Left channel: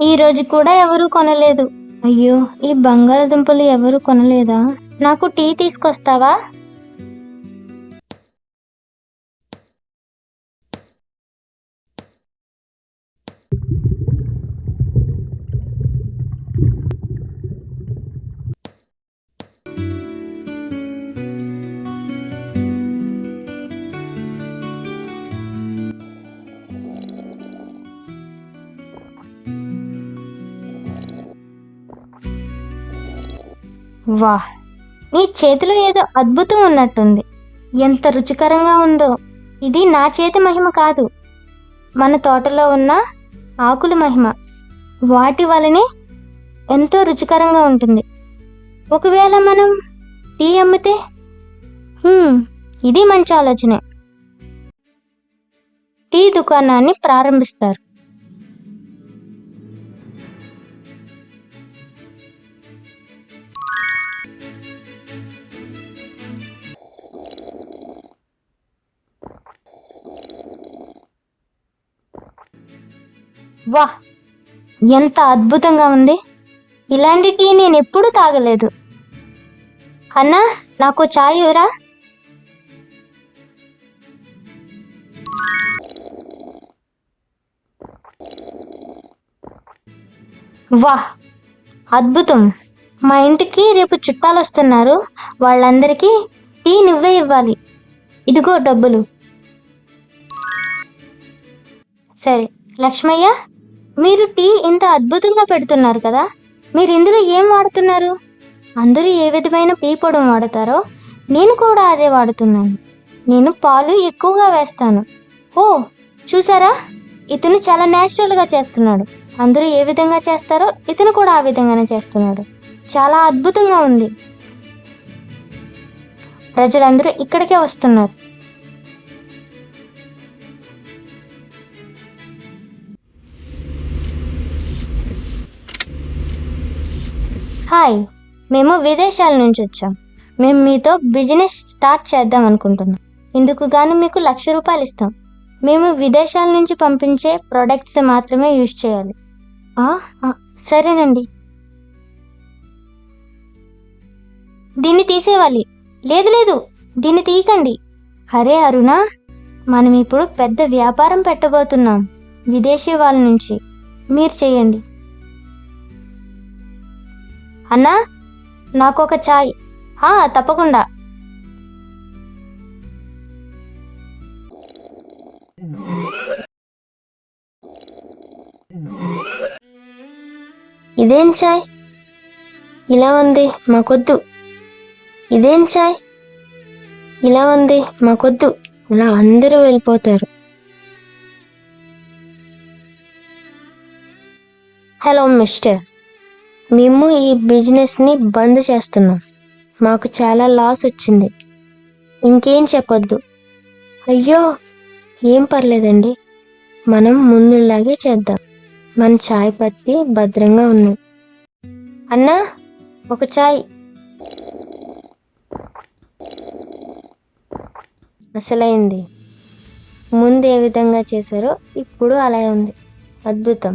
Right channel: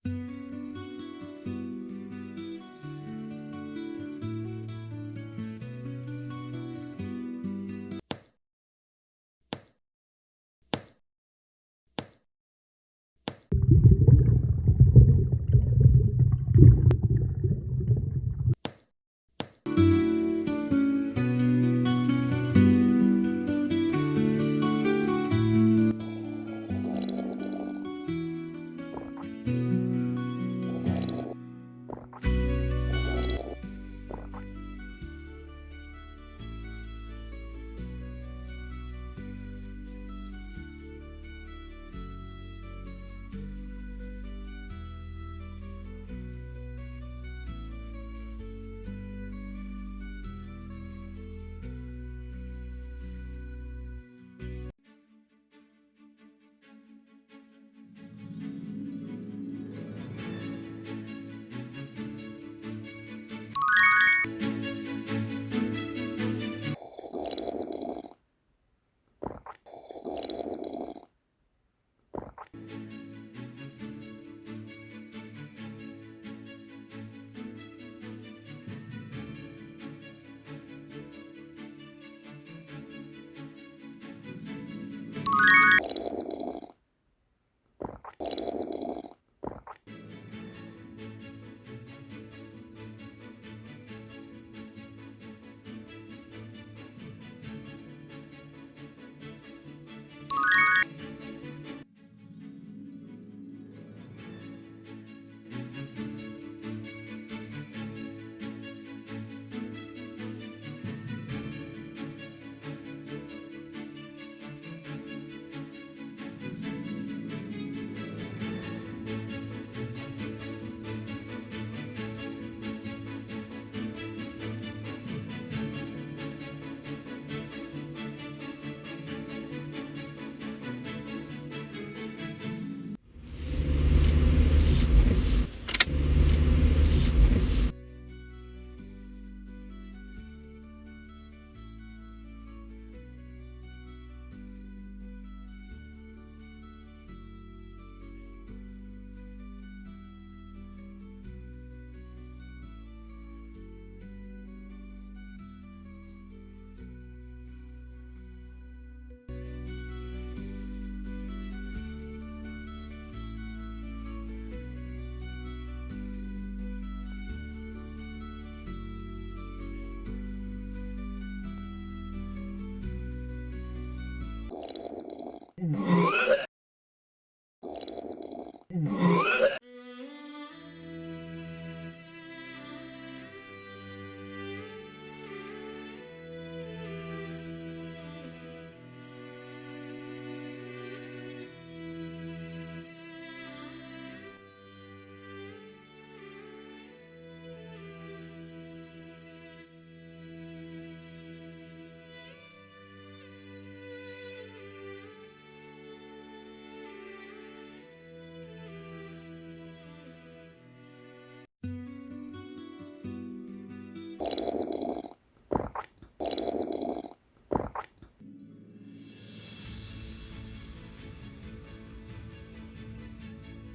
ఈ రోజు కూడా ఎవరూ కొనలేదు. అయ్యో! ఈ బంగాళదుంపలు ఎవరూ కొనలేదా? నాకు టీ తీసుకొస్తావా? వాహ్! నీ చేతిలో ఏదో అద్భుతం ఉన్నట్టుంది. ఎంత రుచికరంగా ఉందో. ఇది నా చేతి మహిమ కాదు. మన తోటలో ఉన్న ఆకుల మహిమ. వాటి వలనే ఎంతో రుచికరంగా ఉంటుంది. ఒకవేళ మనం టీ అమ్మితే? ఇది మంచి ఆలోచనే. టీ దుకాణాన్ని ప్రారంభిస్తారు. వాహ్! ఎంత అద్భుతంగా ఉంది. ఇలాంటి టీ నేనెప్పుడూ తాగలేదు. అన్నా, నాకో చాయ్ ఇవ్వరా? వాహ్! అద్భుతం. మా ఇంటికి రేపు చుట్టాలొస్తున్నారు. వాళ్ళందరికీ టీ నువ్వే ఇవ్వాలి. ఇదిగో డబ్బులు. సరే. లక్ష్మయ్య, మీరు టీ ఇంత అద్భుతంగా పెడుతున్నారు కదా, మీరు ఇందులో ఏం వాడుతున్నారు? అందరూ ఏ విధమైన టీ పొడిని వాడతారో నేను కూడా అదే వాడుతున్నాను. నేను పాలు ఎక్కువగా వేస్తాను. ఓ, చూసారా? ఇతను చాలా న్యాచురల్గా చేస్తున్నాడు. అందరూ ఏ విధంగా చేస్తారో ఇతను కూడా ఆ విధంగానే చేస్తున్నాడు. చాలా అద్భుతంగా ఉంది. ప్రజలందరూ ఇక్కడికే వస్తున్నారు. హాయ్, మేము విదేశాల నుంచి వచ్చాం. మేము మీతో బిజినెస్ స్టార్ట్ చేద్దాం అనుకుంటున్నాం. ఇందుకు గాను మీకు ₹1,00,000 ఇస్తాం. మేము విదేశాల నుంచి పంపించే ప్రొడక్ట్స్ మాత్రమే యూజ్ చేయాలి. సరేనండి. దీన్ని తీసేవాలి. లేదు లేదు, దీన్ని తీయకండి. అరే అరుణ, మనం ఇప్పుడు పెద్ద వ్యాపారం పెట్టబోతున్నాం. విదేశీ వాళ్ళ నుంచి. మీరు చేయండి. అన్నా, నాకొక చాయ్. తప్పకుండా. ఇదేం చాయ్ ఇలా ఉంది? మాకొద్దు. ఇదేం చాయ్ ఇలా ఉంది? మాకొద్దు. ఇలా అందరూ వెళ్ళిపోతారు. హలో మిస్టర్, మేము ఈ బిజినెస్ని బంద్ చేస్తున్నాం. మాకు చాలా లాస్ వచ్చింది. ఇంకేం చెప్పొద్దు. అయ్యో, ఏం పర్లేదండి. మనం ముందులాగే చేద్దాం. మన చాయ్ పత్తి భద్రంగా ఉన్నాయి. అన్నా, ఒక చాయ్. అసలైంది. ముందు ఏ విధంగా చేశారో ఇప్పుడు అలా ఉంది. అద్భుతం.